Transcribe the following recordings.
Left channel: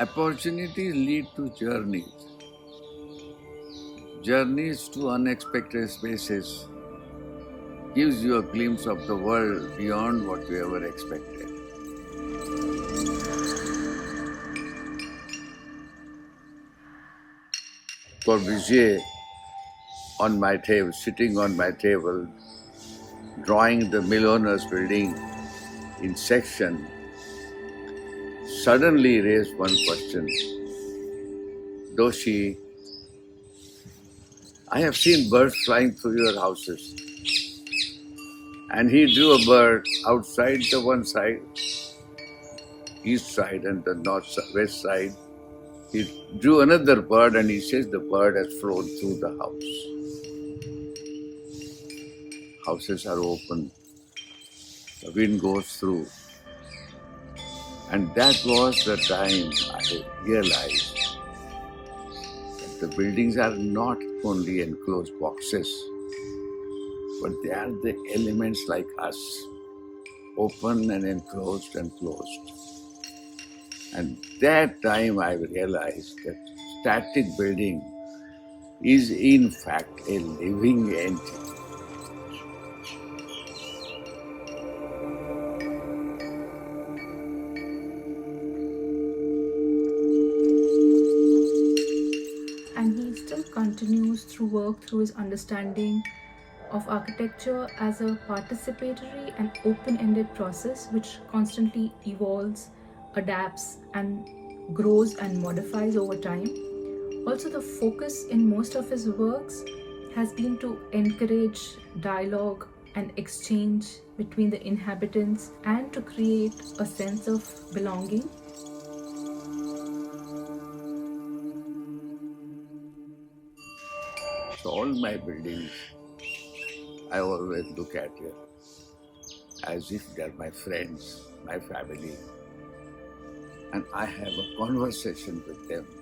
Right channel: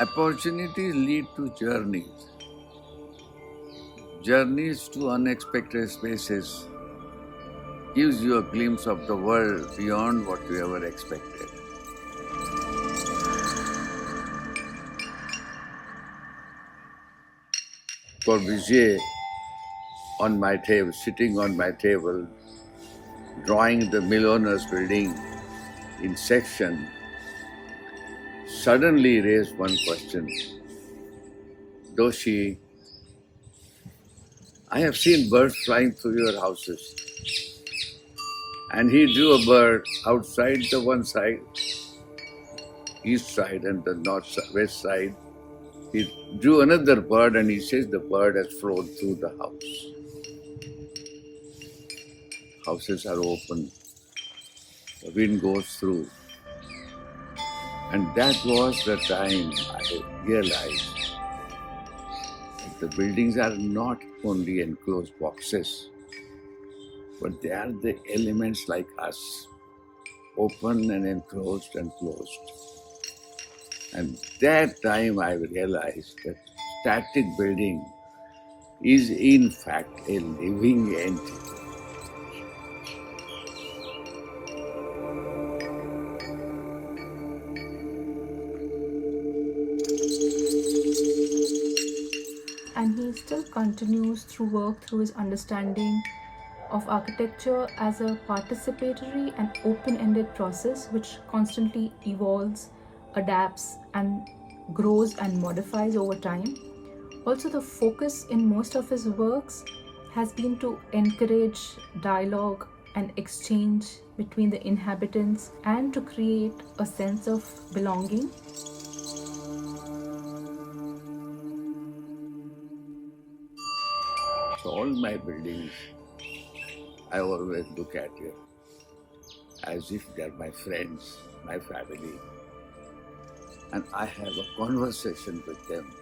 Opportunities lead to journeys. Journeys to unexpected spaces gives you a glimpse of the world beyond what you ever expected. For Vijay, on my table, sitting on my table, drawing the millionaires building in section, suddenly raised one question. Doshi, I have seen birds flying through your houses. And he drew a bird outside the one side, east side, and the west side. He drew another bird and he says the bird has flown through the house. Houses are open, the wind goes through. And that was the time I realized that the buildings are not only enclosed boxes, but they are the elements like us, open and enclosed and closed. And that time I realized that static building is in fact a living entity. And he still continues to work through his understanding of architecture as a participatory and open-ended process which constantly evolves, adapts, and grows and modifies over time. Also, the focus in most of his works has been to encourage dialogue and exchange between the inhabitants and to create a sense of belonging. So all my buildings, I always look at it as if they're my friends, my family, and I have a conversation with them.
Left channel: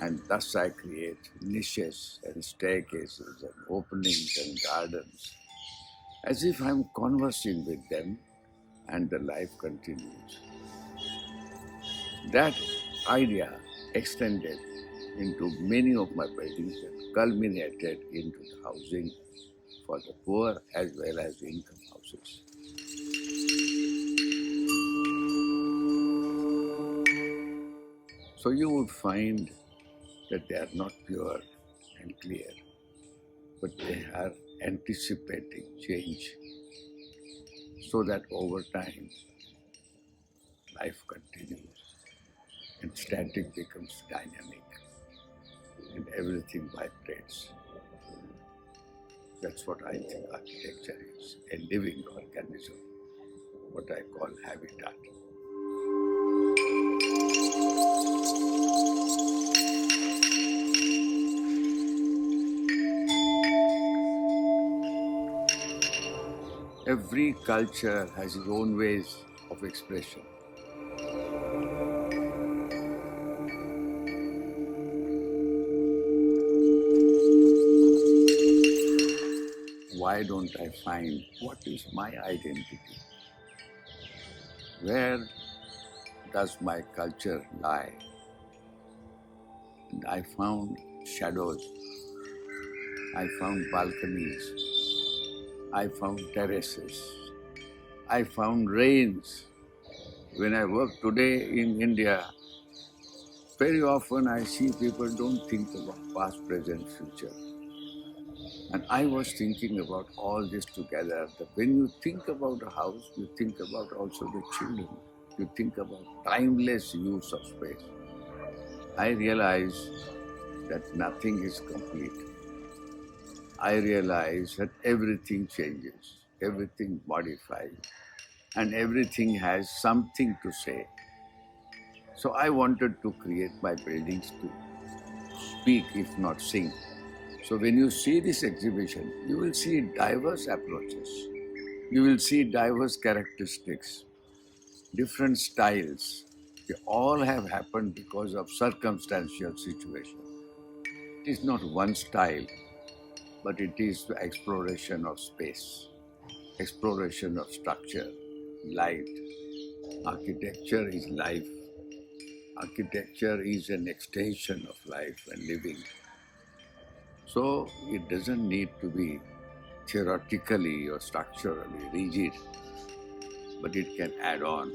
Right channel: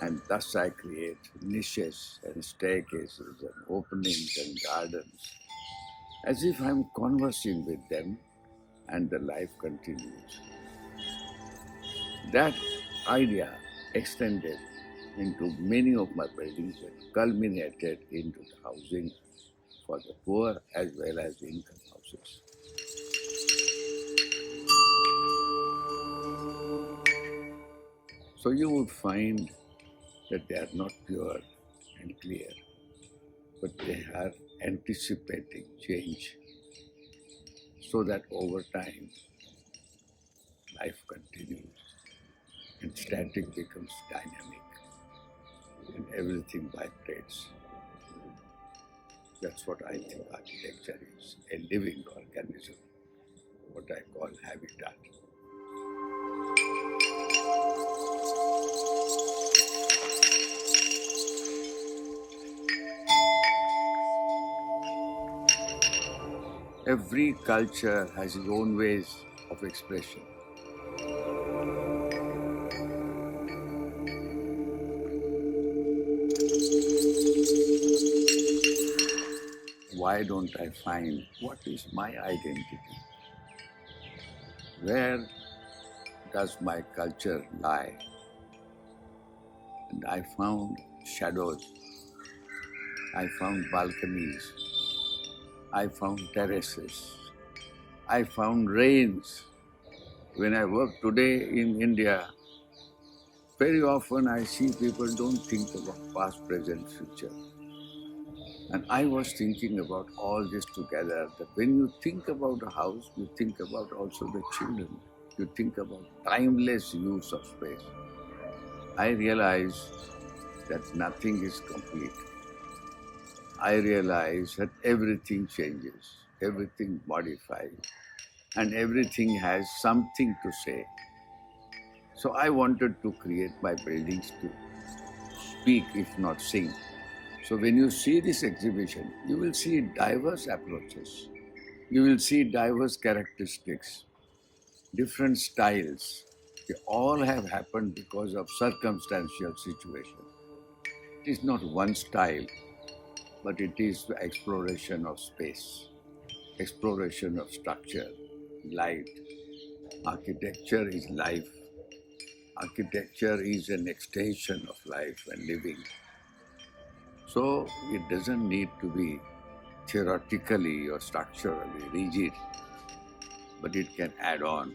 And thus I create niches and staircases and openings and gardens, as if I'm conversing with them and the life continues. That idea extended into many of my buildings that culminated into the housing for the poor as well as income houses. So you would find that they are not pure and clear, but they are anticipating change so that over time life continues and static becomes dynamic and everything vibrates. That's what I think architecture is, a living organism, what I call habitat. Every culture has its own ways of expression. Why don't I find what is my identity? Where does my culture lie? And I found shadows, I found balconies, I found terraces, I found rains. When I work today in India, very often I see people don't think about past, present, future. And I was thinking about all this together, that when you think about a house, you think about also the children. You think about timeless use of space. I realize that nothing is complete. I realize that everything changes, everything modifies, and everything has something to say. So I wanted to create my buildings to speak, if not sing. So when you see this exhibition, you will see diverse approaches. You will see diverse characteristics, different styles. They all have happened because of circumstantial situation. It is not one style, but it is the exploration of space, exploration of structure, light. Architecture is life. Architecture is an extension of life and living. So it doesn't need to be theoretically or structurally rigid, but it can add on.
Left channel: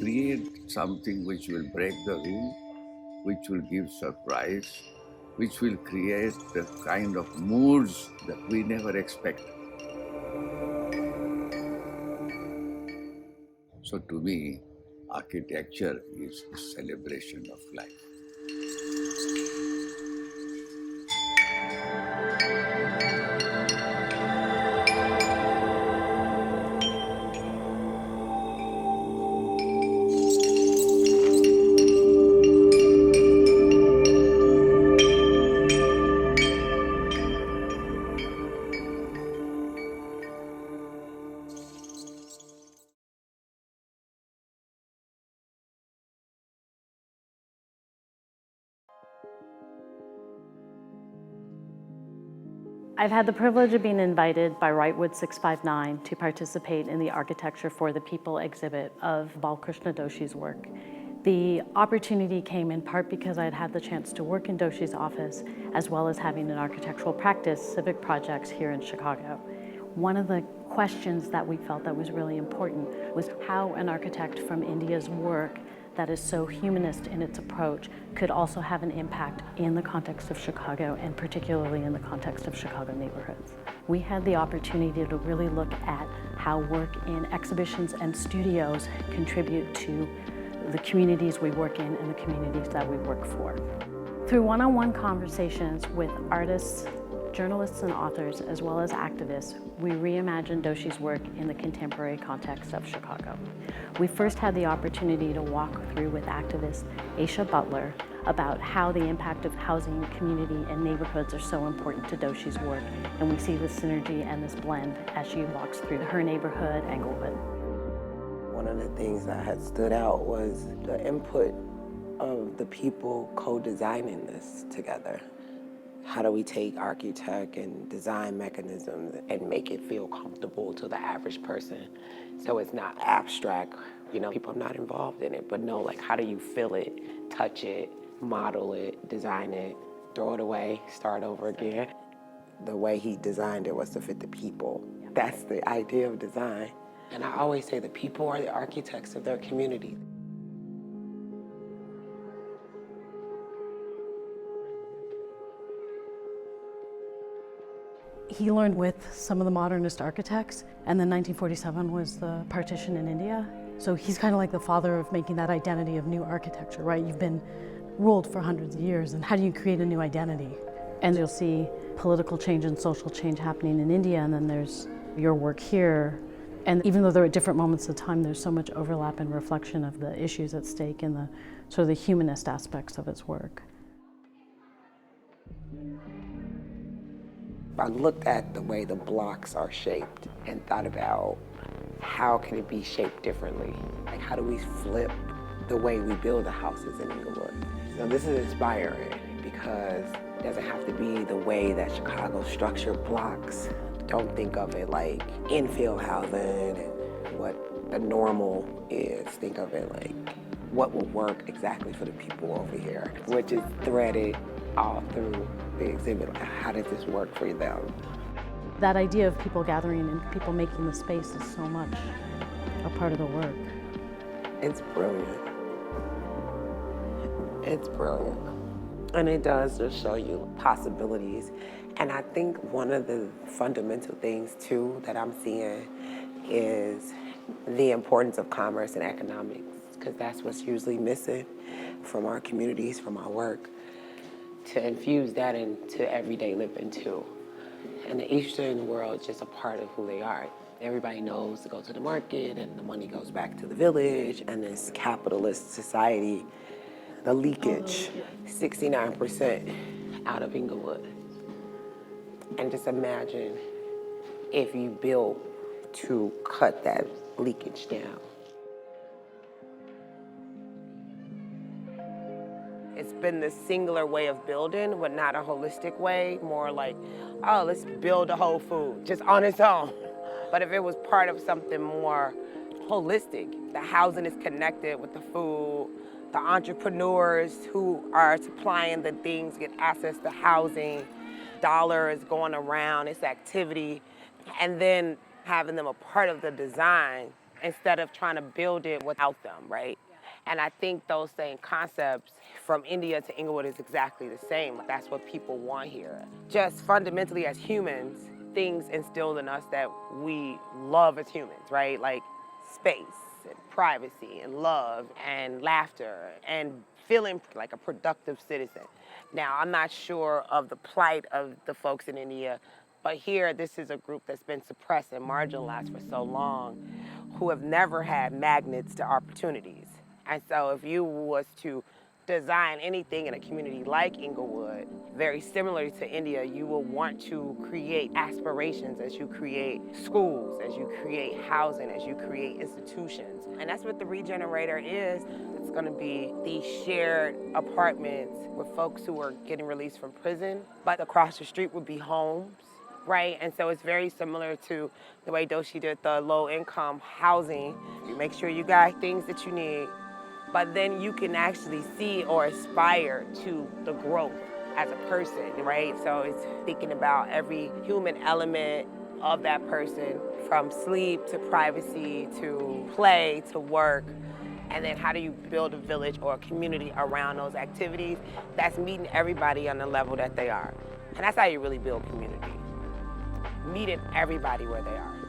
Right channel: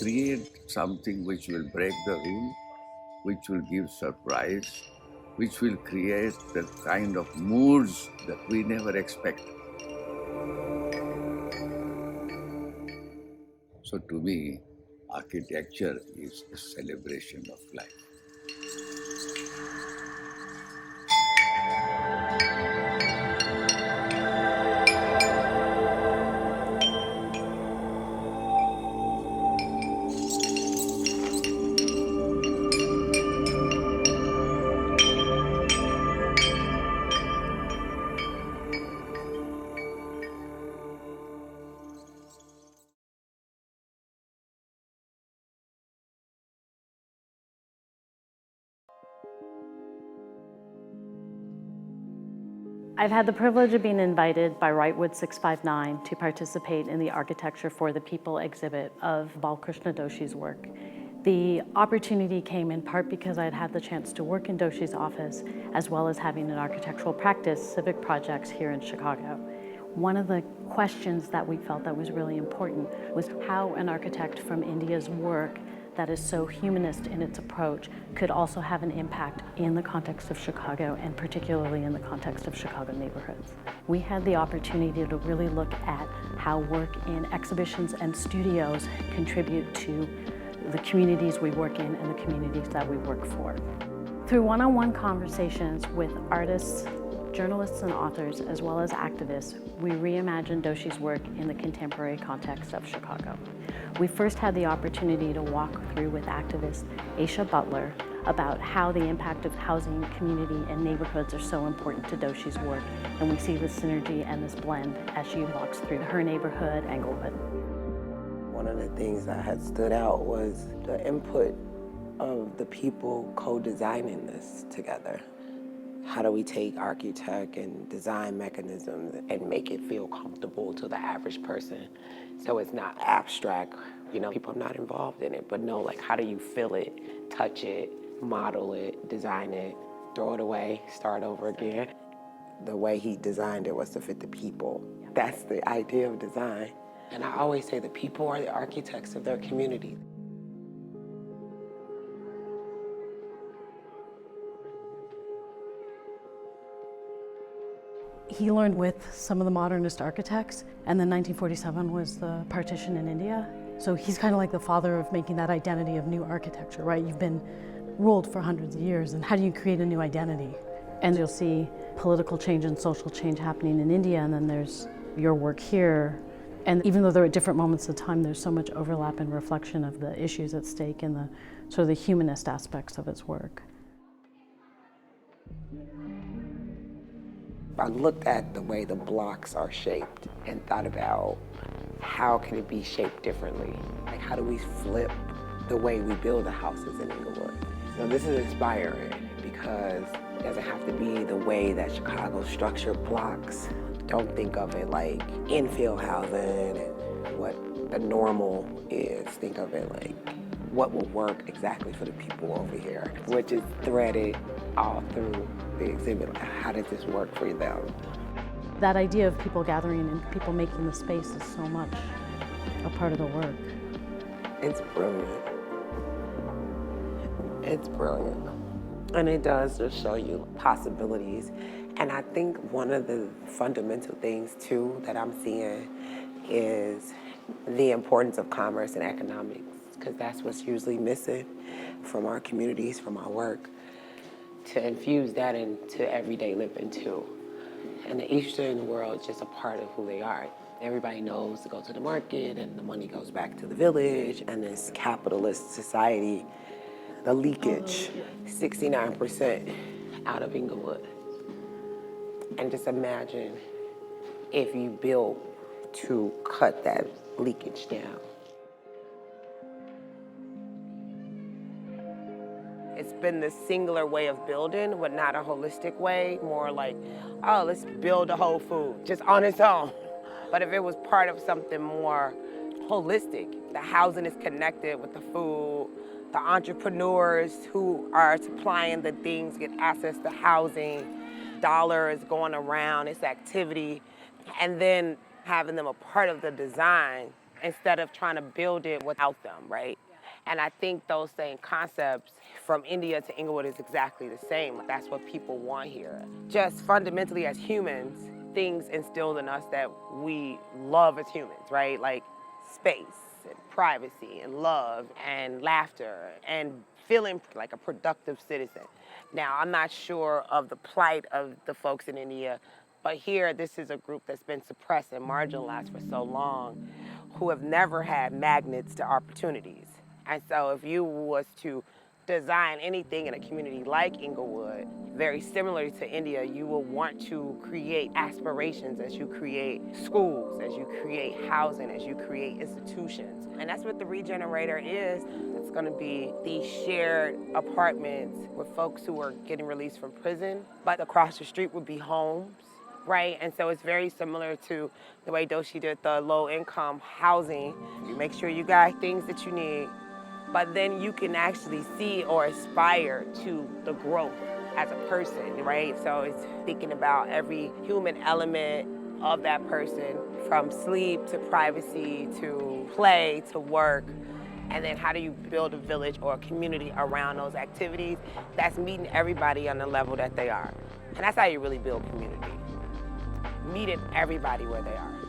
Create something which will break the rule, which will give surprise, which will create the kind of moods that we never expect. So to me, architecture is a celebration of life. I've had the privilege of being invited by Rightwood 659 to participate in the Architecture for the People exhibit of Balkrishna Doshi's work. The opportunity came in part because I had had the chance to work in Doshi's office, as well as having an architectural practice, civic projects here in Chicago. One of the questions that we felt that was really important was how an architect from India's work that is so humanist in its approach could also have an impact in the context of Chicago, and particularly in the context of Chicago neighborhoods. We had the opportunity to really look at how work in exhibitions and studios contribute to the communities we work in and the communities that we work for. Through one-on-one conversations with artists, journalists and authors, as well as activists, we reimagined Doshi's work in the contemporary context of Chicago. We first had the opportunity to walk through with activist Aisha Butler about how the impact of housing, community, and neighborhoods are so important to Doshi's work, and we see this synergy and this blend as she walks through her neighborhood, Englewood. One of the things that had stood out was the input of the people co-designing this together. How do we take architect and design mechanisms and make it feel comfortable to the average person? So it's not abstract, people are not involved in it, but no, like how do you feel it, touch it, model it, design it, throw it away, start over again? The way he designed it was to fit the people. That's the idea of design. And I always say the people are the architects of their community. He learned with some of the modernist architects, and then 1947 was the partition in India. So he's kind of like the father of making that identity of new architecture, right? You've been ruled for hundreds of years, and how do you create a new identity? And you'll see political change and social change happening in India, and then there's your work here. And even though they're at different moments of time, there's so much overlap and reflection of the issues at stake and the sort of the humanist aspects of his work. I looked at the way the blocks are shaped and thought about how can it be shaped differently? Like how do we flip the way we build the houses in Englewood? So this is inspiring because it doesn't have to be the way that Chicago structured blocks. Don't think of it like infill housing and what the normal is. Think of it like what will work exactly for the people over here, which is threaded all through the exhibit. How does this work for them? That idea of people gathering and people making the space is so much a part of the work. It's brilliant. It's brilliant. And it does just show you possibilities. And I think one of the fundamental things too that I'm seeing is the importance of commerce and economics, because that's what's usually missing from our communities, from our work, to infuse that into everyday living too. And the Eastern world is just a part of who they are. Everybody knows to go to the market and the money goes back to the village, and this capitalist society, the leakage, 69% out of Englewood. And just imagine if you built to cut that leakage down. It's been this singular way of building, but not a holistic way, more like, oh, let's build a Whole Food just on its own. But if it was part of something more holistic, the housing is connected with the food, the entrepreneurs who are supplying the things get access to housing, dollar is going around, it's activity, and then having them a part of the design instead of trying to build it without them, right? And I think those same concepts from India to Inglewood is exactly the same. That's what people want here. Just fundamentally as humans, things instilled in us that we love as humans, right? Like space and privacy and love and laughter and feeling like a productive citizen. Now, I'm not sure of the plight of the folks in India, but here, this is a group that's been suppressed and marginalized for so long, who have never had magnets to opportunities. And so if you was to design anything in a community like Inglewood, very similar to India, you will want to create aspirations as you create schools, as you create housing, as you create institutions. And that's what the Regenerator is. It's gonna be these shared apartments with folks who are getting released from prison, but across the street would be homes, right? And so it's very similar to the way Doshi did the low-income housing. You make sure you got things that you need, but then you can actually see or aspire to the growth as a person, right? So it's thinking about every human element of that person, from sleep to privacy to play to work. And then how do you build a village or a community around those activities that's meeting everybody on the level that they are? And that's how you really build community. Meeting everybody where they are.